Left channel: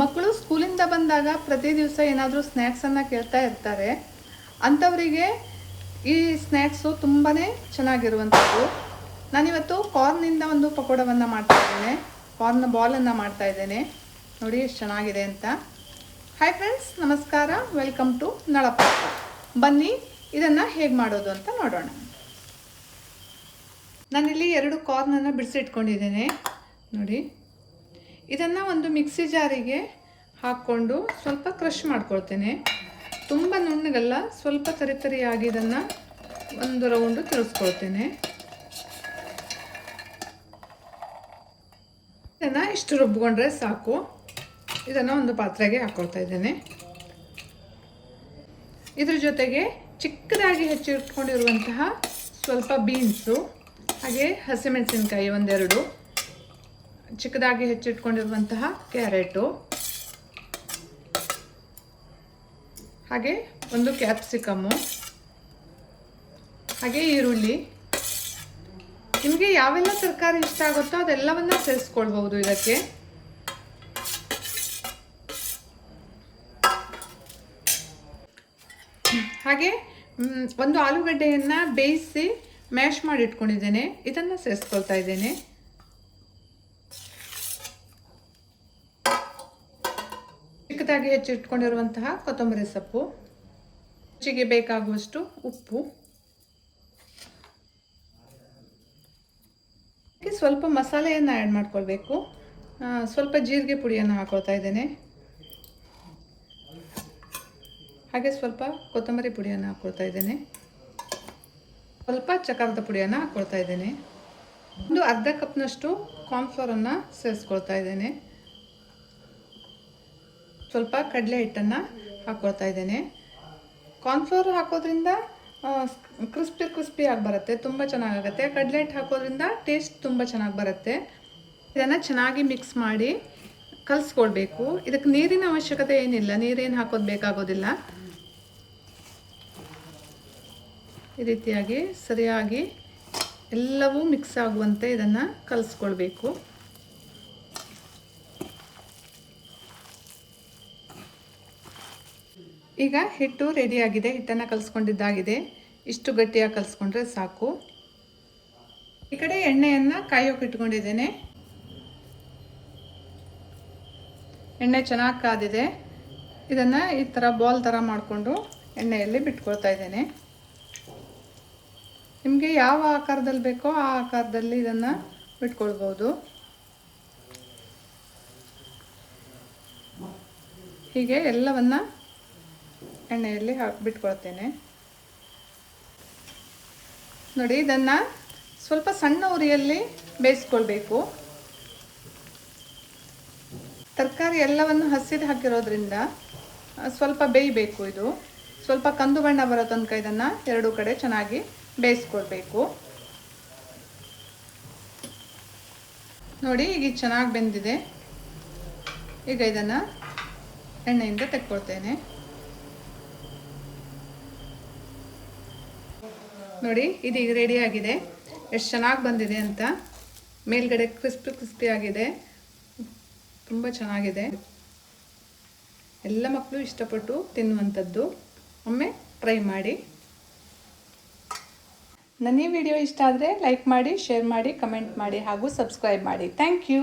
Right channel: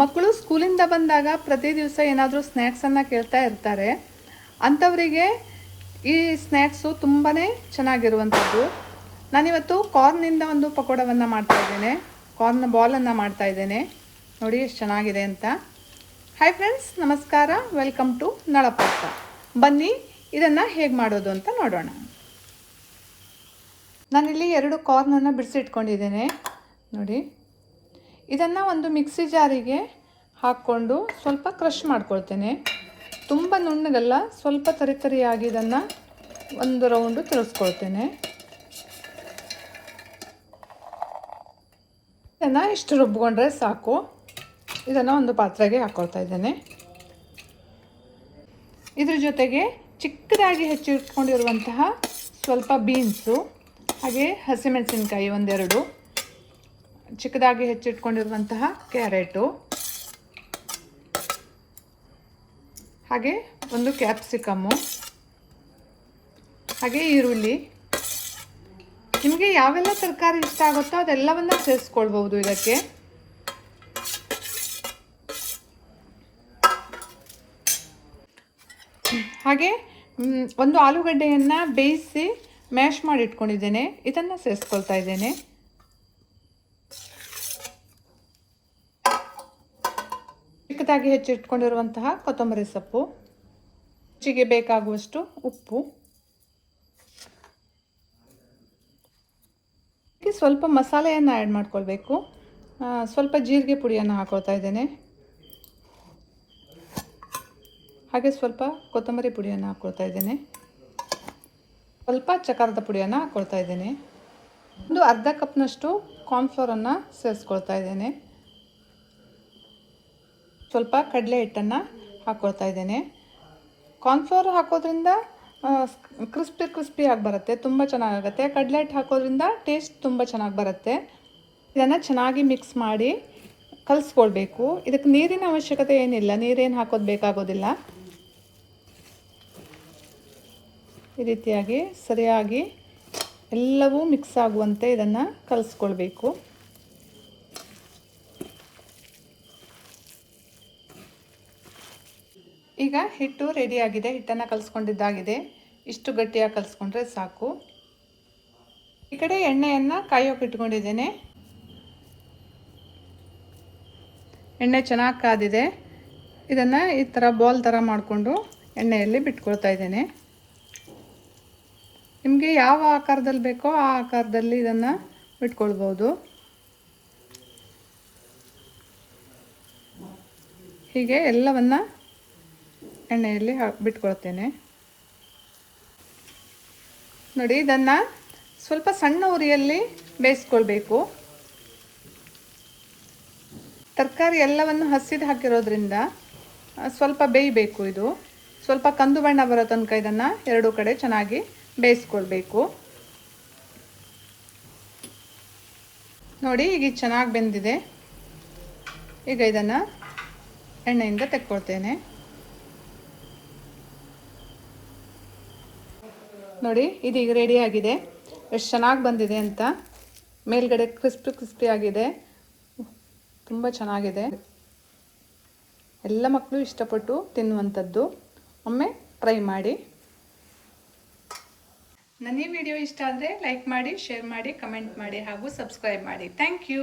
ಮಕ್ಕಳು ಸ್ಕೂಲಿಂದ ಬಂದಾಗ ಪ್ರತಿ ದಿವಸ ಏನಾದರೂ ಸ್ನ್ಯಾಕ್ಸನ್ನು ಕೇಳ್ತಾ ಇರ್ತಾರೆ. ಅಂಥವರಿಗೆ ಈ ಸ್ನ್ಯಾಕ್ಸು ತುಂಬಾ ಚೆನ್ನಾಗಿರುವಂಥದ್ದು. ನಾನಿವತ್ತು ಕಾರ್ನಿಂದ ಒಂದು ಪಕೋಡವನ್ನು ಮಾಡ್ತಾಯಿದ್ದೇನೆ. ಕಾರ್ನ್ ಬಾಲನ್ನು ಮಾಡ್ತಾಯಿದ್ದೇನೆ. ನೋಡಿ ಎಷ್ಟು ಚೆನ್ನಾಗಿದೆ ಅಂತ. ಹಾಯ್ ಫ್ರೆಂಡ್ಸ್, ನಮಸ್ಕಾರ. ವೆಲ್ಕಮ್ ಟು ನಳಪಾಕ. ಬನ್ನಿ ಇದನ್ನು ಹೇಗೆ ಮಾಡೋದು ಅಂತ ನೋಡೋಣ. ನಾನಿಲ್ಲಿ 2 ಕಾರ್ನನ್ನು ಬಿಡಿಸಿಟ್ಕೊಂಡಿದ್ದೇನೆ. ನೋಡಿ, ಇದನ್ನು ಒಂದು ಮಿಕ್ಸಿ ಜಾರಿಗೆ ಹಾಕ್ಕೊಂಡು ಸ್ವಲ್ಪ ಕ್ರಷ್ ಮಾಡ್ಕೊಳ್ತೇನೆ. ತುಂಬ ನುಣ್ಣಗಲ್ಲ, ಸ್ವಲ್ಪ ತರಿತರಿಯಾಗಿ ಇದನ್ನು ಒಂದು ರೌಂಡು ತಿರುಗಿಸ್ಕೊಳ್ತೇನೆ. ಇದನ್ನು ಇಷ್ಟು ರುಬ್ಕೊಂಡ್ರೆ ಸಾಕು. ಇದನ್ನು ಒಂದು ಪಾತ್ರೆಗೆ ಹಾಕ್ಕೊಳ್ತಾ ಇದ್ದೇನೆ. ಇದ್ರ ಜೊತೆಗೆ ಚಿಕ್ಕದಾಗಿ ಹೆಚ್ಚಿಟ್ಕೊಂಡಿರುವಂತಹ ಸ್ವಲ್ಪ ಬೀನ್ಸು, ಹಾಗೆ ಹಸಿಮೆಣಸಿನ್ಕಾಯಿ ಒಂದೆರಡು, ಚಿಕ್ಕದಾಗಿ ಹೆಚ್ಚಿಟ್ಕೊಂಡಿರುವಂತಹ ಕ್ಯಾರೆಟು, ಹಾಗೆ ಒಂದು ಕ್ಯಾಪ್ಸಿಕಮ್ಮು, ಹಾಗೆ ಈರುಳ್ಳಿ. ನಿಮಗೆ ಯಾವೆಲ್ಲ ತರಕಾರಿ ಇಷ್ಟ ಆಗುತ್ತೋ ಅದೆಲ್ಲವನ್ನ ಸೇರಿಸ್ಕೊಳ್ಬಹುದು ಇದಕ್ಕೆ. ಹಾಗೆ ಒಂದು ಆಲೂಗಡ್ಡೆಯನ್ನು ಬೇಯಿಸಿ ಮ್ಯಾಶ್ ಮಾಡಿ ಇಟ್ಕೊಂಡಿದ್ದೇನೆ. ಇದನ್ನು ಸೇರಿಸ್ಕೊಳ್ತಾ ಇದ್ದೇನೆ. ಚಿಕ್ಕದಾಗಿ ಹೆಚ್ಚಿಟ್ಕೊಂಡಿರುವಂತಹ ಕೊತ್ತಂಬರಿ ಸೊಪ್ಪು, ರುಚಿಗೆ ಬೇಕಾಗುವಷ್ಟು ಉಪ್ಪು, ಸ್ವಲ್ಪ ಮಸಾಲೆಯನ್ನು ಆ್ಯಡ್ ಮಾಡ್ಕೊಳ್ಬೇಕು. ಸ್ವಲ್ಪ ಜೀರಿಗೆ ಪುಡಿಯನ್ನು ಹಾಕೊಳ್ತಾ ಇದ್ದೇನೆ. ಹಾಗೆ ಸ್ವಲ್ಪ ಕೊತ್ತಂಬರಿ ಪುಡಿಯನ್ನು ಹಾಕ್ಕೊಳ್ತಾ ಇದ್ದೇನೆ. ಸ್ವಲ್ಪ ಚಕಾರದ ಪುಡಿಯನ್ನು ಹಾಕ್ಕೊಳ್ತಾ ಇದ್ದೇನೆ. ಒಂದು ಅರ್ಧ ಕಪ್ನಷ್ಟು ಕಾರ್ನ್ಫ್ಲೋರನ್ನು ಸೇರಿಸ್ಕೊಳ್ತಾ ಇದ್ದೇನೆ. ಸ್ವಲ್ಪ ಕಡಲೆ ಹಿಟ್ಟನ್ನು ಹಾಕ್ಕೊಳ್ತಾ ಇದ್ದೇನೆ. ಕಾರ್ನ್ಫ್ಲೋರ್ ಹಾಕೋದ್ರಿಂದ ಕ್ರಿಸ್ಪಿಯಾಗಿ ಬರುತ್ತೆ, ತುಂಬ ಚೆನ್ನಾಗಾಗುತ್ತೆ. ಕಡಲೆ ಹಿಟ್ಟು ಹಾಕೋದ್ರಿಂದ ಟೇಸ್ಟ್ ತುಂಬ ಚೆನ್ನಾಗಿ ಬರುತ್ತೆ. ಇದನ್ನು ಚೆನ್ನಾಗಿ ಮಿಕ್ಸ್ ಮಾಡಿ ಕಲಿಸ್ಕೊಳ್ಬೇಕು. ಇದಕ್ಕೆ ನೀರಿನ ಅವಶ್ಯಕತೆ ಏನಿಲ್ಲ, ನೀರೇನು ಹಾಕೋದು ಬೇಕಾಗೋದಿಲ್ಲ. ಈ ರೀತಿಯಾಗಿ ಸರಿಯಾಗಿ ಎಲ್ಲವೂ ಮಿಕ್ಸ್ ಆಗುವಂತೆ ಇದನ್ನು ಕಲಿಸ್ಕೊಳ್ಬೇಕು. ಈಗ ಹಿಟ್ಟು ರೆಡಿಯಾಗಿದೆ. ಹಿಟ್ಟನ್ನು ಕಲಿಸ್ಕೊಂಡಿದ್ದಾಗಿದೆ. ಇಷ್ಟು ಗಟ್ಟಿಯಾಗಿ ಕಲಿಸ್ಕೊಂಡ್ರೆ ಸಾಕು. ಈ ಕಡೆ ಎಣ್ಣೆಯನ್ನು ಕಾಯೋಕೆ ಇಟ್ಕೊಂಡಿದ್ದೇನೆ. ಎಣ್ಣೆ ಚೆನ್ನಾಗಿ ಕಾದಿದೆ. ಇದನ್ನು ಈ ಥರ ಬಾಲ್ ಥರ ಮಾಡಿಕೊಂಡು ಎಣ್ಣೆಯಲ್ಲಿ ಬಿಟ್ಕೊಳ್ತಾ ಇದ್ದೇನೆ. ನಿಮಗೆ ಯಾವ ಆಕಾರದಲ್ಲಿ ಬೇಕೋ ಆ ಆಕಾರದಲ್ಲಿ ಇದನ್ನು ಬಿಟ್ಕೊಳ್ಬೋದು. ಹೀಗೆ ಎಲ್ಲವನ್ನು ಎಣ್ಣೆಯಲ್ಲಿ ಬಿಟ್ಕೊಳ್ತೇನೆ. ನೋಡಿ, ಇದನ್ನು ಸ್ವಲ್ಪ ಸಣ್ಣ ಉರಿಯಲ್ಲಿ ಬೇಯಿಸ್ಕೊಳ್ಬೇಕು. ತರಕಾರಿ ಎಲ್ಲವನ್ನು ಹಸಿದು ಹಾಕಿರೋದ್ರಿಂದ ಸ್ವಲ್ಪ ಬೇಯಬೇಕು. ಇದು ಸ್ವಲ್ಪ ಕಂದು ಬಣ್ಣ ಬರೋ ತನಕ ಇದನ್ನು ಎರಡೂ ಕಡೆ ಚೆನ್ನಾಗಿ ಬೇಯಿಸ್ಕೊಳ್ಬೇಕು. ನೋಡಿ, ಈಗ ಚೆನ್ನಾಗಿ ಬೆಂದಿದೆ. ಈಗ ಇದನ್ನು ಎಣ್ಣೆಯಿಂದ ತೆಕ್ಕೊಳ್ತೇನೆ. ನೋಡಿ, ಇದೀಗ ರೆಡಿಯಾಗಿದೆ. ಎಷ್ಟು ಚೆನ್ನಾಗಿ ಬಂದಿದೆ ಅಂತ. ಮೇಲ್ಗಡೆ ಕ್ರಿಸ್ಪಿ ಆಗಿದೆ, ತುಂಬ ಚೆನ್ನಾಗಿದೆ. ಎಲ್ಲ ಮಕ್ಕಳು ಇಷ್ಟಪಟ್ಟು ತಿನ್ನುವಂಥದ್ದು. ಒಮ್ಮೆ ಟ್ರೈ ಮಾಡಿ. ನನ್ನ ಈ ವಿಡಿಯೋ ಇಷ್ಟ ಆದರೆ ಲೈಕ್ ಮಾಡಿ, ಶೇರ್ ಮಾಡಿ, ಕಮೆಂಟ್ ಮಾಡಿ ಹಾಗೂ ಸಬ್ಸ್ಕ್ರೈಬ್ ಮಾಡಿ. Thank you.